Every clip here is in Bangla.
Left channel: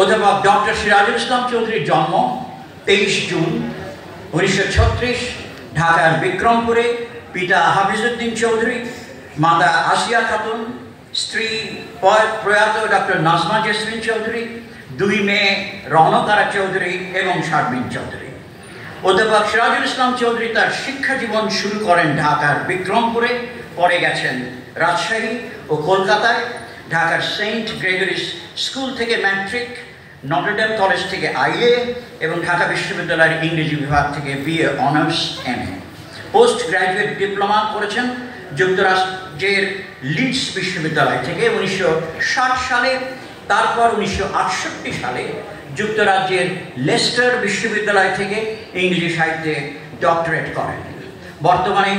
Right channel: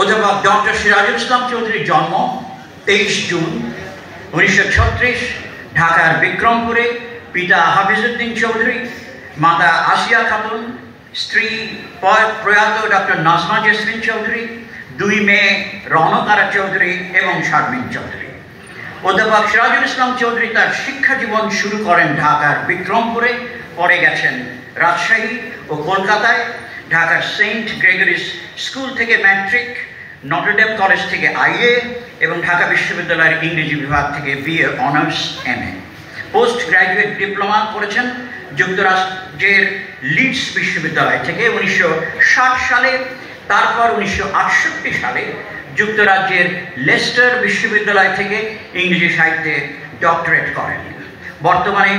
অধ্যাপক ডক্টর সিরাজুল ইসলাম চৌধুরীর জন্ম 23 জুন 1936 ঢাকার বিক্রমপুরে। পিতা হাফিজউদ্দিন চৌধুরী, মাতা আসিয়া খাতুন, স্ত্রী প্রয়াত ডক্টর নাজমা জেসমিন চৌধুরী, 2 মেয়ে রৌনকারা চৌধুরী এবং শারমিন চৌধুরী। অধ্যাপক সিরাজুল ইসলাম চৌধুরী তার শিক্ষা জীবন শুরু করেন ঢাকার বিক্রমপুরে, পরে গেছেন রাজশাহী ও কলকাতায়। ঢাকার সেন্ট গ্রেগরিস স্কুল থেকে ম্যাট্রিক, নটরডেম কলেজ থেকে আইএ এবং ঢাকা বিশ্ববিদ্যালয়ের ইংরেজি বিভাগ থেকে BA honours MA. Post graduate diploma করেছেন যুক্তরাজ্যের লিডস বিশ্ববিদ্যালয় থেকে 1960 সালে। তারপর 1968 সালে যুক্তরাজ্যের লেস্টার বিশ্ববিদ্যালয় থেকে ইংরেজি সাহিত্যে ডক্টরেট করেন। বর্তমানে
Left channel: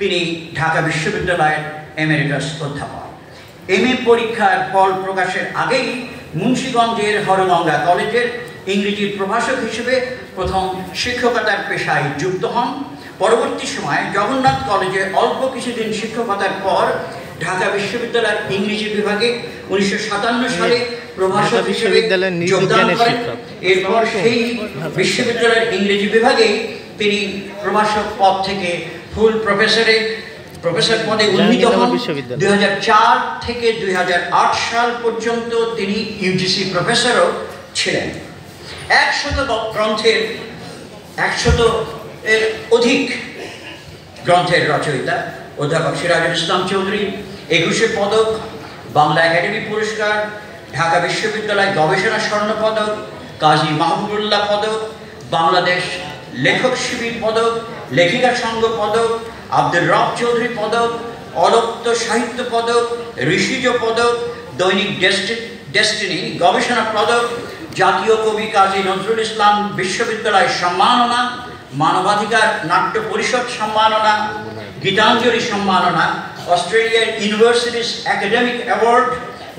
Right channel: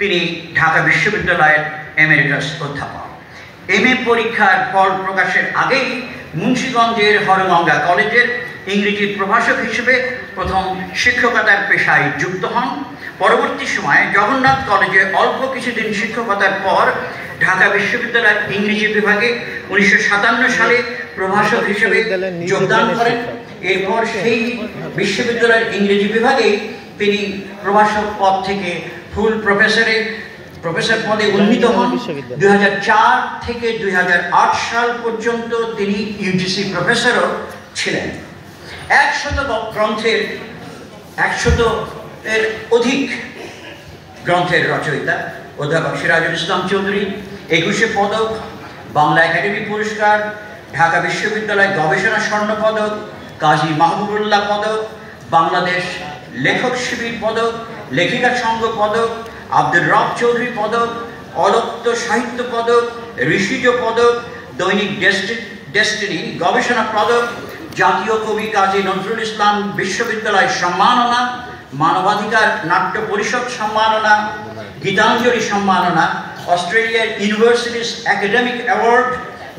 তিনি ঢাকা বিশ্ববিদ্যালয়ের এমেরিটাস অধ্যাপক। এমএ পরীক্ষার ফল প্রকাশের আগেই মুন্সিগঞ্জের হরগঙ্গা কলেজের ইংরেজির প্রভাষক হিসেবে প্রথম শিক্ষকতার পেশায় যুক্ত হন। পরবর্তী সময়ে জগন্নাথ কলেজে অল্প কিছুদিন শিক্ষকতার পর ঢাকা বিশ্ববিদ্যালয়ের ইংরেজি বিভাগে 1957 সালে প্রভাষক হিসেবে যোগদান করেন। এরপর সেই বিশ্ববিদ্যালয়ের ইংরেজি বিভাগেই তিনি প্রভাষক পদ থেকে ফুল প্রফেসর পদে উন্নীত হন। 2004 থেকে 2008 সাল পর্যন্ত তিনি ইউজিসি প্রফেসরও ছিলেন। 100 এর অধিক গ্রন্থের রচয়িতা অধ্যাপক সিরাজুল ইসলাম চৌধুরী 21 পদক, বাংলা একাডেমি পুরস্কার, ঢাকা বিশ্ববিদ্যালয় গবেষণা স্বর্ণ পদক, কাজী মাহবুবুল্লাহ পদক, বাংলাদেশ লেখক শিবির পদক, লেখিকা সংঘ পদক, আব্দুর রব চৌধুরী পদক, অলক্ত সাহিত্য পদক, ঋষিজ পদক, দৈনিক ডেস্টিনি গবেষণা পদক, জাতীয় কবি কাজী নজরুল ইসলাম বিশ্ববিদ্যালয় সম্মাননা, মানবাধিকার নাট্য পরিষদ সম্মাননা, গীতাঞ্জলি সম্মাননা, অস্ট্রেলিয়ার universities academic award,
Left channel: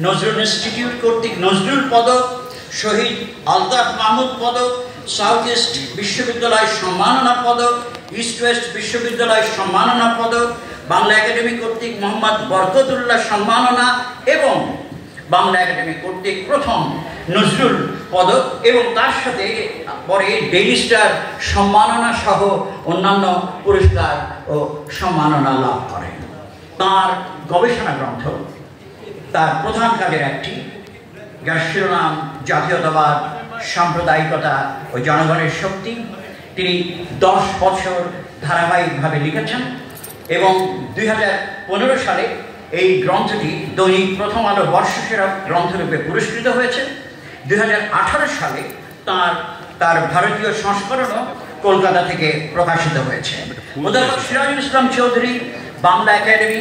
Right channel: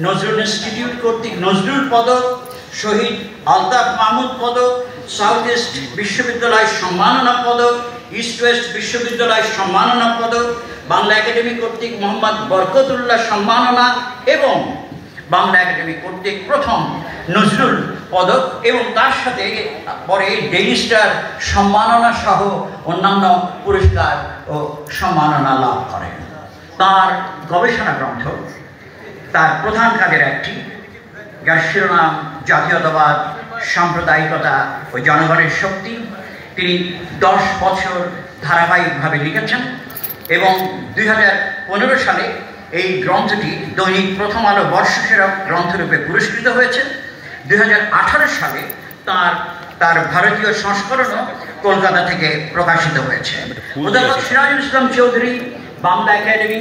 Nazrul institute কর্তৃক নজরুল পদক, শহীদ আলতাফ মাহমুদ পদক, সাউথ ইস্ট বিশ্ববিদ্যালয় সম্মাননা পদক, ইস্ট ওয়েস্ট বিশ্ববিদ্যালয় সম্মাননা পদক, বাংলা একাডেমি কর্তৃক মোহাম্মদ বরকতুল্লাহ সম্মাননা এবং বাংলা একাডেমি কর্তৃক প্রথম নজরুল পদক এবং তার সাথে পরে ডেইলি স্টার সম্মাননা সহ অন্যান্য পুরস্কার ও সম্মাননা লাভ করেন। তার গবেষণা গ্রন্থ, তার প্রধান কাজের একটি, যার শিরোনাম জাতীয়তাবাদ, সাম্প্রদায়িকতা ও জনগণের শক্তি, তিনি 10 বছর ধারাবাহিকভাবে লিখেছেন এবং 2015 সালে এই গ্রন্থটি দৈনিক প্রথম আলো বর্ষসেরা গ্রন্থরূপে পুরস্কৃত হয়েছে। 2018 সালে তার ভারতীয় সংস্করণও কলকাতা থেকে প্রকাশিত হয়েছে। অধ্যাপক Sirajul Islam Chowdhury Bangla academy,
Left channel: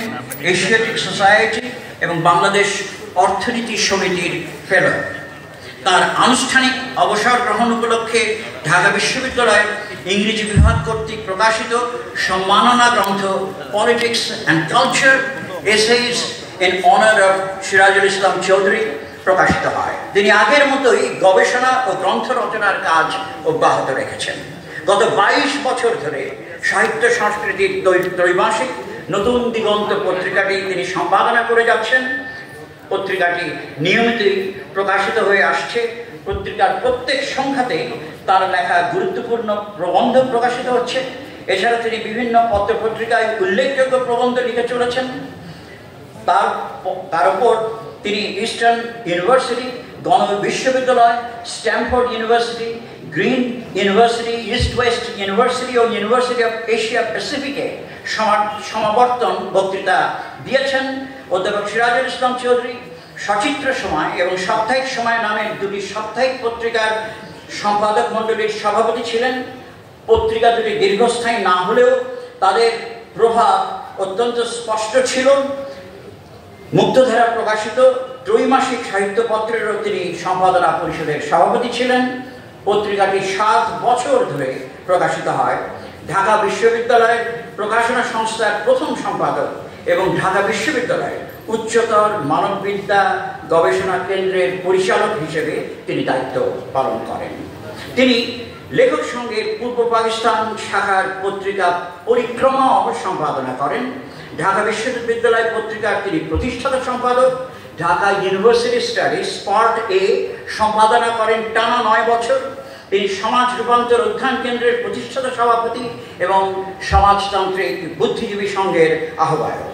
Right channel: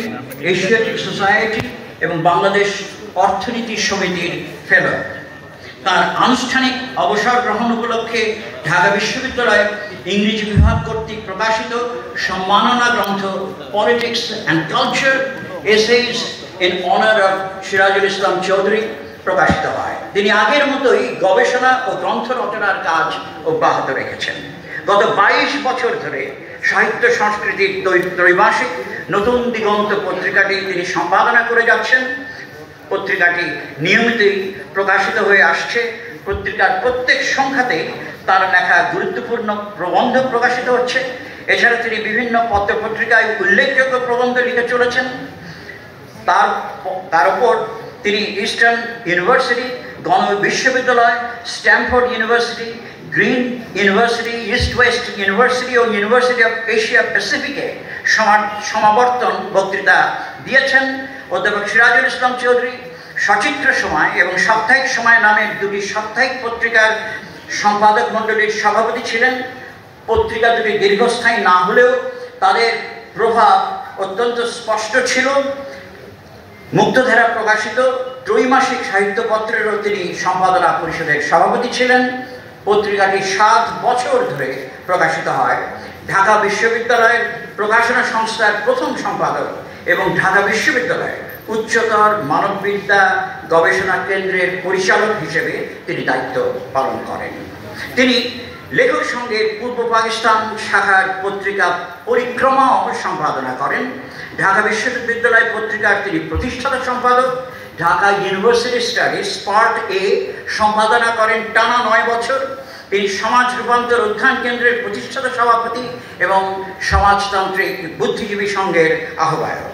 Asiatic society এবং বাংলাদেশ অর্থনীতি সমিতির ফেলো। তার আনুষ্ঠানিক অবসর গ্রহণ উপলক্ষে ঢাকা বিশ্ববিদ্যালয়ের ইংরেজি বিভাগ কর্তৃক প্রকাশিত সম্মাননা গ্রন্থ politics and culture essays in honour of Sirajul Islam Chowdhury প্রকাশিত হয়। তিনি আগের মতোই গবেষণা ও গ্রন্থ রচনার কাজ অব্যাহত রেখেছেন। গত 22 বছর ধরে সাহিত্য সংস্কৃতির ত্রৈমাসিক নতুন দিগন্ত পত্রিকাটি তিনি সম্পাদনা করে যাচ্ছেন। পত্রিকাটি নিয়মিতই প্রকাশিত হয়ে আসছে। পত্রিকার প্রত্যেক সংখ্যাতেই তার লেখা গুরুত্বপূর্ণ প্রবন্ধ প্রকাশিত হচ্ছে। এছাড়া তিনি বিভিন্ন পত্রপত্রিকায় উল্লেখযোগ্য প্রবন্ধ লিখে চলেছেন। তার উপর তিনি ইস্টার্ন ইউনিভার্সিটি, গণ বিশ্ববিদ্যালয়, Stanford university, green university, east west university ও ইউনিভার্সিটি অফ এশিয়া প্যাসিফিকে সমাবর্তন বক্তৃতা দিয়েছেন। অধ্যাপক সিরাজুল ইসলাম চৌধুরী সচিত্র সময় এবং সাপ্তাহিক সময় নামের 2টি সাপ্তাহিক পত্রিকার সম্পাদক মণ্ডলীর সভাপতি ছিলেন। পত্রিকা দুটি দীর্ঘস্থায়ী না হলেও তাদের প্রভাব অত্যন্ত স্পষ্ট ছিল। মুক্তধারা প্রকাশিত ত্রৈমাসিক সাহিত্যপত্রেরও তিনি সম্পাদনা পরিষদের সভাপতি ছিলেন। পত্রিকাটি 7 বছর ধরে প্রকাশিত হয়। ঢাকা বিশ্ববিদ্যালয়ের প্রকাশনা সংস্থার প্রথম সম্পাদক এবং ঢাকা বিশ্ববিদ্যালয়ের উচ্চতর মানববিদ্যা গবেষণা কেন্দ্রের পরিচালক হিসেবে তিনি দায়িত্ব পালন করেন। তিনি লেখক সংঘের পূর্ব পাকিস্তান শাখার পত্রিকা পরিক্রমাও সম্পাদনা করেন। ঢাকা বিশ্ববিদ্যালয় পত্রিকার তিনি প্রতিষ্ঠাতা সম্পাদক। ঢাকা ইউনিভার্সিটি স্টাডিজ পার্ট এ সম্পাদনা করেন টানা 9 বছর। তিনি সমাজ রূপান্তর অধ্যয়ন কেন্দ্রের প্রতিষ্ঠাতা সভাপতি এবং সমাজতান্ত্রিক বুদ্ধিজীবী সংঘের আহ্বায়ক।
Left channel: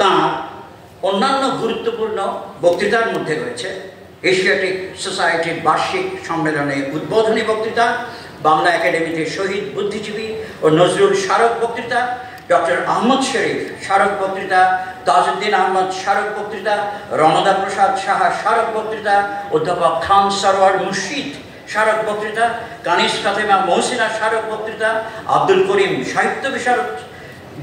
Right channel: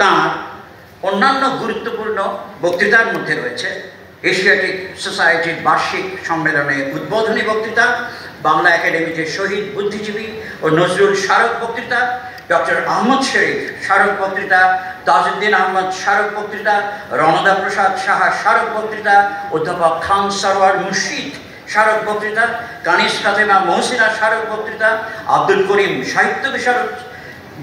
তাঁর অন্যান্য গুরুত্বপূর্ণ বক্তৃতার মধ্যে রয়েছে এশিয়াটিক সোসাইটির বার্ষিক সম্মেলনে উদ্বোধনী বক্তৃতা, বাংলা একাডেমিতে শহীদ বুদ্ধিজীবী ও নজরুল স্মারক বক্তৃতা, ডক্টর আহমদ শরীফ স্মারক বক্তৃতা, তাজউদ্দিন আহমদ স্মারক বক্তৃতা, রণদা প্রসাদ সাহা স্মারক বক্তৃতা, অধ্যাপক খান সরওয়ার মুর্শিদ স্মারক বক্তৃতা, কানিস ফাতেমা মহসিনা স্মারক বক্তৃতা, আব্দুল করিম সাহিত্য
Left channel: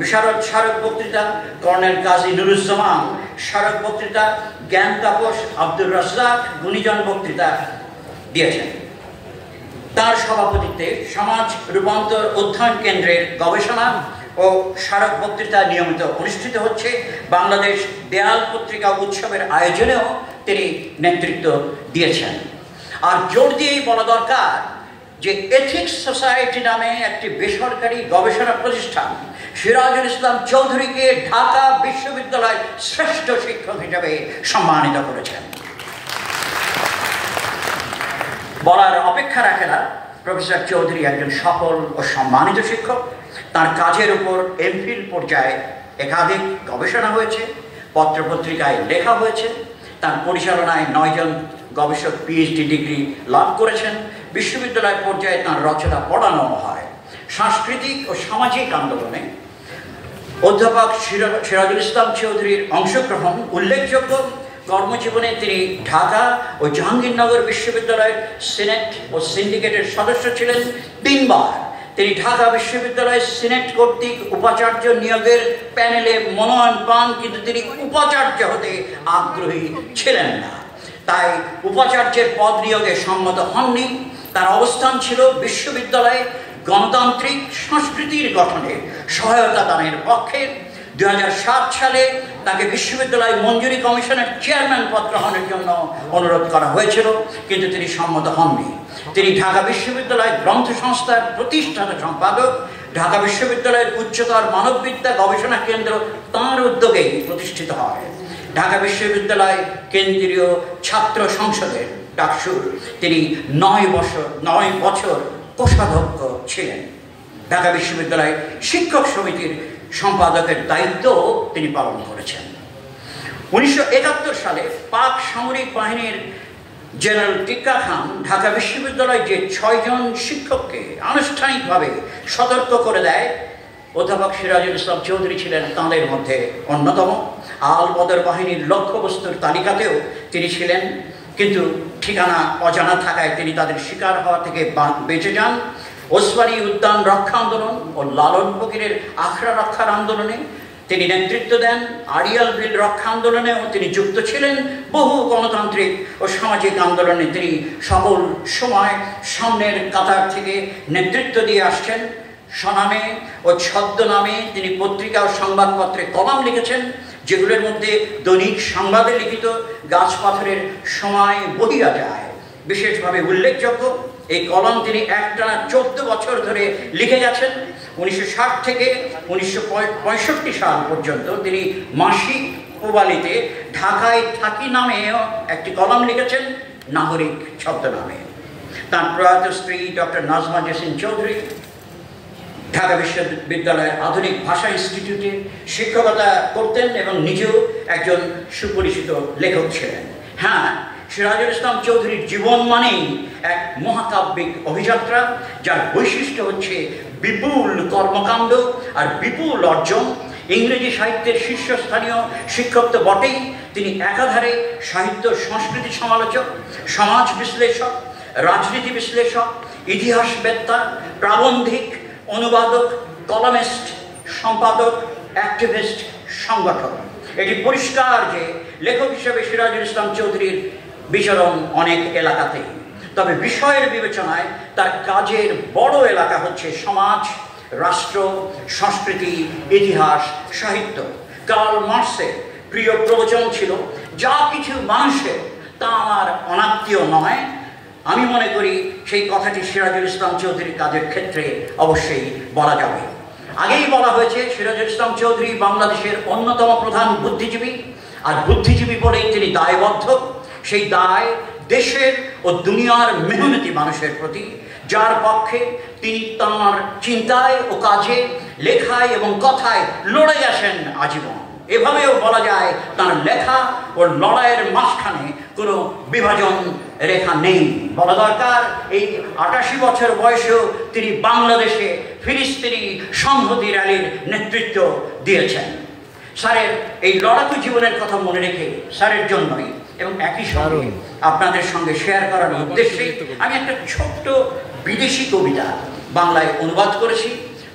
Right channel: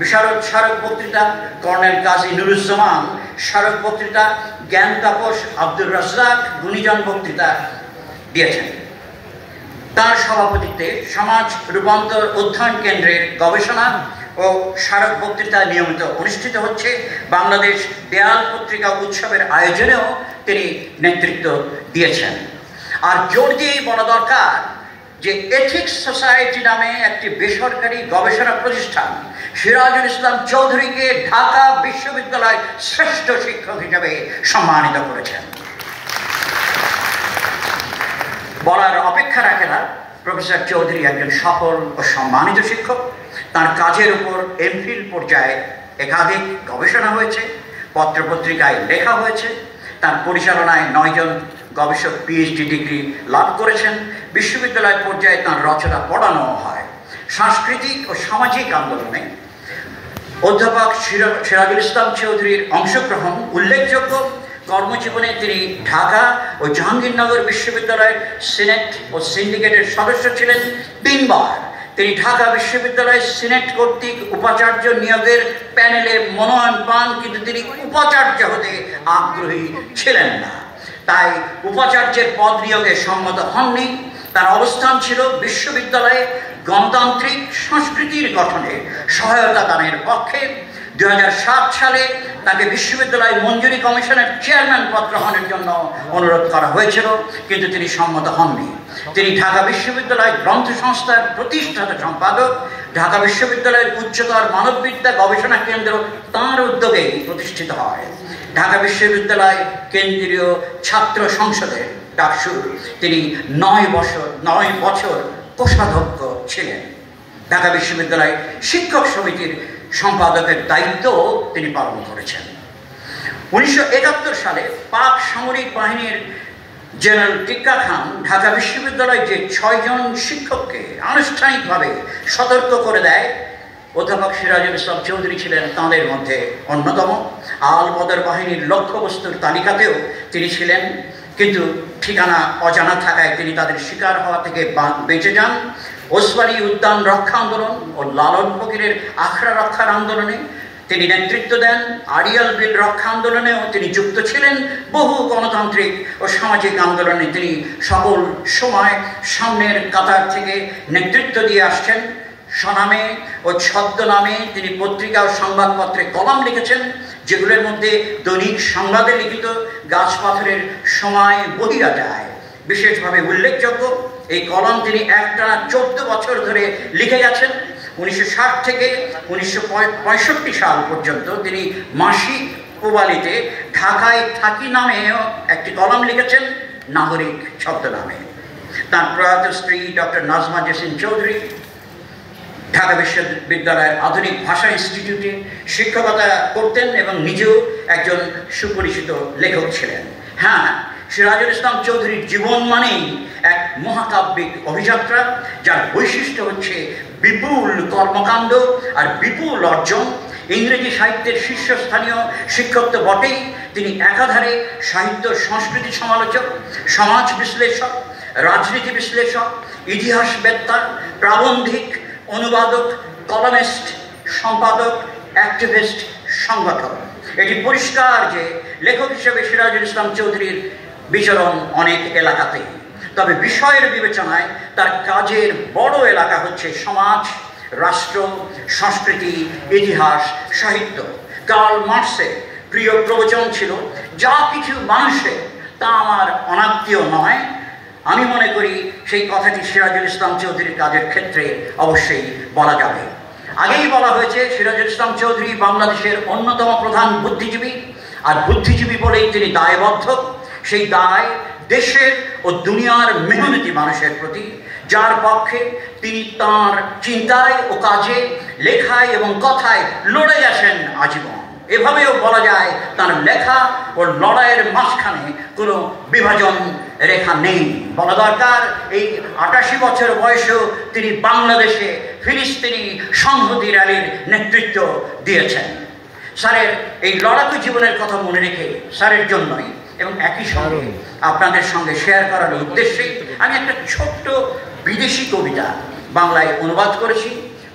বিশারদ স্মারক বক্তৃতা, কর্নেল কাজী নুরুজ্জামান স্মারক বক্তৃতা, জ্ঞান তাপস আব্দুর রাজ্জাক গুণীজন বক্তৃতা দিয়েছেন। তার সভাপতিত্বে সমাজ রূপান্তর অধ্যয়ন কেন্দ্রের গবেষণা ও স্মারক বক্তৃতা নিয়মিত অনুষ্ঠিত হচ্ছে। বাংলাদেশ দেয়াল পত্রিকা উৎসবের আয়োজনেও তিনি নেতৃত্ব দিয়েছেন। আর জোর দিয়েই বলা দরকার যে এথিক্স সোসাইটি নামে একটি বেসরকারি গবেষণা প্রতিষ্ঠান সিরাজুল ইসলাম চৌধুরীকে ঢাকা বিশ্ববিদ্যালয় শ্রেষ্ঠ শিক্ষক হিসেবে সম্মানিত করেছেন। বলার অপেক্ষা রাখে না, প্রফেসর চৌধুরী একজন সফল ও সম্মানিত শিক্ষক। তার কাজের উপর এমফিল পর্যায়ে একাধিক গবেষণা হয়েছে, পত্রপত্রিকায় লেখা হয়েছে। তার পরিচালনায় 9 জন গবেষক পিএইচডি ডিগ্রি লাভ করেছেন। বিশ্ববিদ্যালয় পর্যায়ে তার রচনা পড়ানো হয়। সাংস্কৃতিক ও সামাজিক আন্দোলনে অধ্যাপক সিরাজুল ইসলাম চৌধুরীর অংশগ্রহণ উল্লেখযোগ্য। কর্মজীবনে তিনি ঢাকা ও জাহাঙ্গীরনগর বিশ্ববিদ্যালয়ের সিনেট ও সিন্ডিকেটের সদস্য ছিলেন। 3 বার তিনি ঢাকা বিশ্ববিদ্যালয়ের সিনেট কর্তৃক উপাচার্য নিয়োগের প্যানেলে মনোনয়ন পান, কিন্তু তিনি উপাচার্য হতে আগ্রহী ছিলেন না, তাই উপাচার্যের পদ নিয়োগে সম্মত হননি। তার অবস্থান ছিল বিশ্ববিদ্যালয়ে গণতান্ত্রিক সংস্কৃতির গঠনে সহায়তা দানের পক্ষে। 2007 সালে তাকে বিশ্ববিদ্যালয় মঞ্জুরি কমিশনের চেয়ারম্যান পদ গ্রহণের জন্য অনুরোধ করা হয়েছিল, কিন্তু তিনি সম্মত হননি। তিনি ঢাকা বিশ্ববিদ্যালয় গ্রন্থ সংস্থার প্রতিষ্ঠাতা সম্পাদক। ঢাকা বিশ্ববিদ্যালয়ের উচ্চতর মানববিদ্যা গবেষণা কেন্দ্র তাঁর উদ্যোগে প্রতিষ্ঠিত হয়। ঢাকা বিশ্ববিদ্যালয় কেন্দ্রীয় ছাত্র সংসদের ডাকসুর তিনি 9 বছর কোষাধ্যক্ষ ছিলেন। ঢাকা বিশ্ববিদ্যালয় শিক্ষক সমিতির সম্পাদকের দায়িত্বও তিনি পালন করেছেন। 1971 সালে পাক সামরিক বাহিনীর জেনারেল টিক্কা খান ঢাকা বিশ্ববিদ্যালয় যে 6 জন শিক্ষককে আনুষ্ঠানিকভাবে সতর্ক করে দেয়, অধ্যাপক সিরাজুল ইসলাম চৌধুরী ছিলেন তাঁদের মধ্যে অন্যতম। আল বদর বাহিনীর লক্ষ্যবস্তুর তালিকাতেও তিনি ছিলেন, কিন্তু ঠিকানা অজানা থাকায় তিনি তাদের শিকার হওয়া থেকে বেঁচে যান। ওসমানী উদ্যান রক্ষা আন্দোলন ও লালন ফকিরের আখড়া রক্ষার আন্দোলনে তিনি নেতৃত্ব দেন। আড়িয়াল বিল রক্ষা আন্দোলনেও তিনি যুক্ত ছিলেন। বহু গণতান্ত্রিক ও সামাজিক আন্দোলনে তিনি সকল সময় সামনের কাতার থেকে নেতৃত্ব দিয়ে আসছেন। স্বনামে ও ছদ্মনামে তিনি পত্রিকা ও সংবাদপত্রে কলাম লিখেছেন, যেগুলোর মধ্যে দৈনিক সংবাদে লিখিত গাছ পাথরের সময় বহিয়া যায় বিশেষভাবে উল্লেখযোগ্য। এই কলাম তিনি একটানা 14 বছর ধরে লিখে গেছেন। 1960 থেকে 1965 সাল পর্যন্ত তিনি মাসিক প্রবালিতে ঢাকায় থাকি নামেও একটি কলাম লিখেছেন, নাগরিক ছদ্মনামে। তার প্রয়াত স্ত্রী ডক্টর নাজমা জেসিন চৌধুরী ঢাকা বিশ্ববিদ্যালয়ের আধুনিক ভাষা ইনস্টিটিউটে শিক্ষকতা করতেন এবং নিজেও একজন সুপরিচিত লেখক ছিলেন। হ্যাঁ, সিরাজুল ইসলাম চৌধুরীর জীবন মানেই এক মহাকাব্যিক অভিযাত্রা, যার বৈশিষ্ট্য হচ্ছে বিপুল কর্মকাণ্ড আর বিপুল অর্জন। ইংরেজি সাহিত্যের শীর্ষস্থানীয় শিক্ষক তো বটেই, তিনি একাধারে সাহিত্য সংস্কৃতি সমালোচক, সমাজ বিশ্লেষক, রাজনীতি বিশ্লেষক, ইতিহাসবেত্তা, প্রাবন্ধিক, অনুবাদক, কলামিস্ট, সম্পাদক, অ্যাক্টিভিস্ট, সংগঠক। এটি পরিষ্কার যে লেখক হিসেবে সিরাজুল ইসলাম চৌধুরীর বিচরণ অনেক এলাকাতেই, তবে বিষয়ের বিবেচনায় তার কাজের বড় এলাকা হচ্ছে সমাজ, রাষ্ট্র, সংস্কৃতি, ইতিহাস, সাহিত্য। কার্ল মার্ক্সের প্রিয় প্রবচন ছিল, যা কিছু মানুষের তা আমার অনাত্মীয় নয়। আমি মনে করি সেই কথাটি সিরাজুল ইসলাম চৌধুরীর কাজের ক্ষেত্রে অবশ্যই বলা যাবে। আগেই বলা হয়েছে, সিরাজুল ইসলাম চৌধুরী বাংলাদেশের অন্যতম প্রধান বুদ্ধিজীবী। আর বুদ্ধিজীবী বলেই তিনি দায়বদ্ধ। সেই দায় দেশের ও দুনিয়ার মেহনতি মানুষের প্রতি, যার পক্ষে তিনি তাঁর চিন্তায় ও কাজে, লেখায় এবং কথায় লড়ে গেছেন আজীবন। এভাবেও বলা যায় তার লেখা ও লড়াইয়ের মাঝখানে কোনো বিভাজন রেখা নেই। বলা দরকার এই ৮৮ বছর বয়সেও তিনি বাংলাদেশে ফিলিস্তিনি সংহতি র্যালির নেতৃত্ব দিয়েছেন। স্যারের এই লড়াকু জীবনের কথা মনে রেখে স্যারের জন্যই এবং একই সঙ্গে আপনাদের সঙ্গে শেয়ার করার উদ্দেশ্যে আমি একটা ছোট্ট বিদেশি কবিতা বাংলায় অনুবাদ করেছি।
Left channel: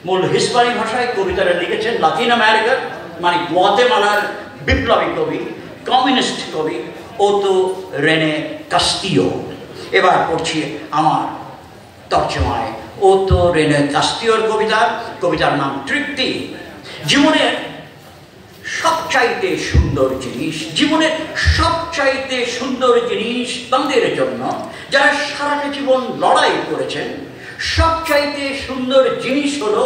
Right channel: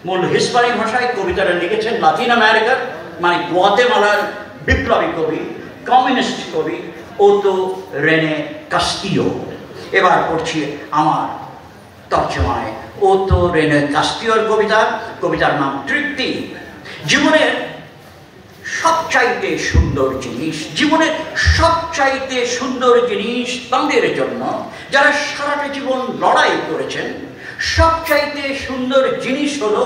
মূল হিস্পানি ভাষায় কবিতাটা লিখেছেন লাতিন আমেরিকার মানে গুয়াতেমালার বিপ্লবী কবি, কমিউনিস্ট কবি ওতো রেনে কাস্তিও। এবার পড়ছি আমার তর্জমায় ওতো রেনে কাস্তিওর কবিতার নাম তৃপ্তি। জীবনের সবচাইতে সুন্দর জিনিস, জীবনের সবচাইতে সুন্দর জিনিস তাদের জন্য যারা সারাটা জীবন লড়াই করেছেন। সবচাইতে সুন্দর জিনিস হলো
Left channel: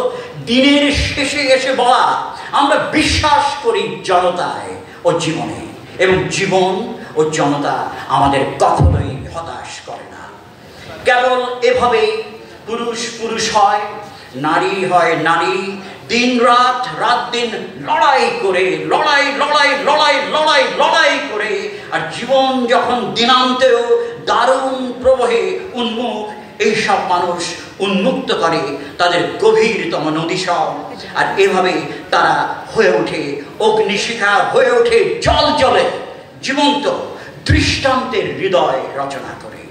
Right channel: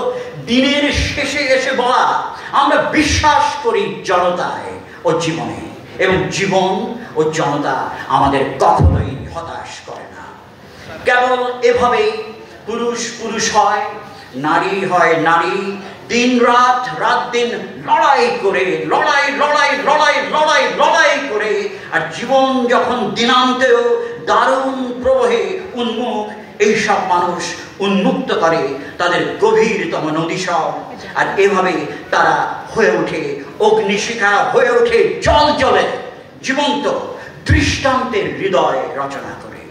দিনের শেষে এসে বলা আমরা বিশ্বাস করি জনতায় ও জীবনে, এবং জীবন ও জনতা আমাদের কখনোই হতাশ করে না। কেবল এভাবেই পুরুষ পুরুষ হয়, নারী হয় নারী, দিন রাত রাত দিন লড়াই করে লড়াই করে, আর জীবন যখন দিনান্তেও দারুণ প্রবাহে উন্মুখ, এইসব মানুষ উন্মুক্ত করে তাদের গভীরতম নদীসর। আর এভাবে তারা হয়ে ওঠে অগ্নিশিখা, হয়ে ওঠে জল জলে জীবন্ত দৃষ্টান্তের হৃদয় রচনা করে।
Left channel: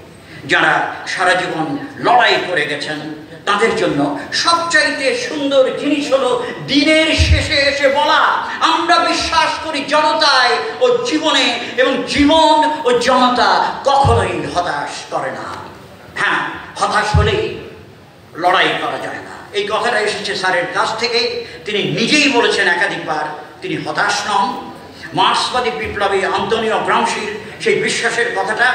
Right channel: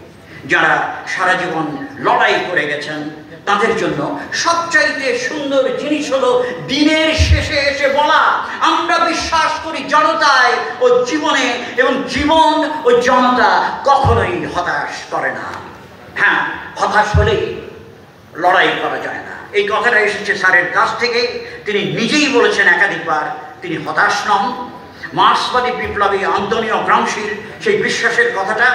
যারা সারা জীবন লড়াই করে গেছেন তাদের জন্য সবচাইতে সুন্দর জিনিস হলো দিনের শেষে এসে বলা আমরা বিশ্বাস করি জনতায় ও জীবনে, এবং জীবন ও জনতা কখনোই হতাশ করে না। হ্যাঁ, হতাশ হলেই লড়াই করা যায় না। এই কথাটা এসেছে স্যারের কাছ থেকে। তিনি নিজেই বলেছেন একাধিকবার তিনি হতাশ নন। মার্ক্সবাদী বিপ্লবী আন্তোনিও গ্রামশির সেই বিশ্বাসের কথাটা,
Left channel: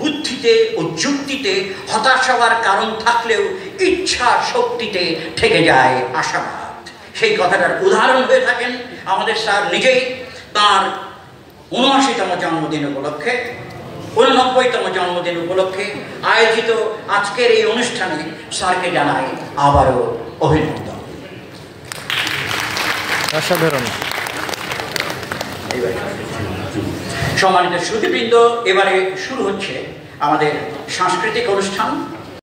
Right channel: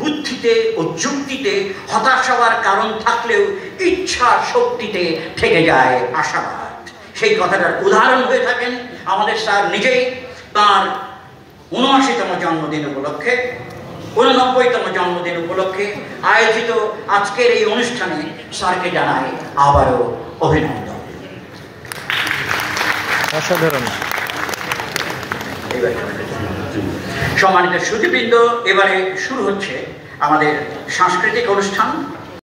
বুদ্ধিতে ও যুক্তিতে হতাশ হওয়ার কারণ থাকলেও ইচ্ছা শক্তিতে থেকে যায় আশাবাদ। সেই কথাটার উদাহরণ হয়ে থাকেন আমাদের স্যার নিজেই। তাঁর ৭৯তম জন্মদিন উপলক্ষে, ৮৯তম জন্মদিন উপলক্ষে আয়োজিত আজকের এই অনুষ্ঠানে স্যারকে জানাই আবারও অভিনন্দন। অসাধারণ। সম্মানিত সুধীবৃন্দ, এবারে শুরু হচ্ছে আমাদের সাংস্কৃতিক অনুষ্ঠান।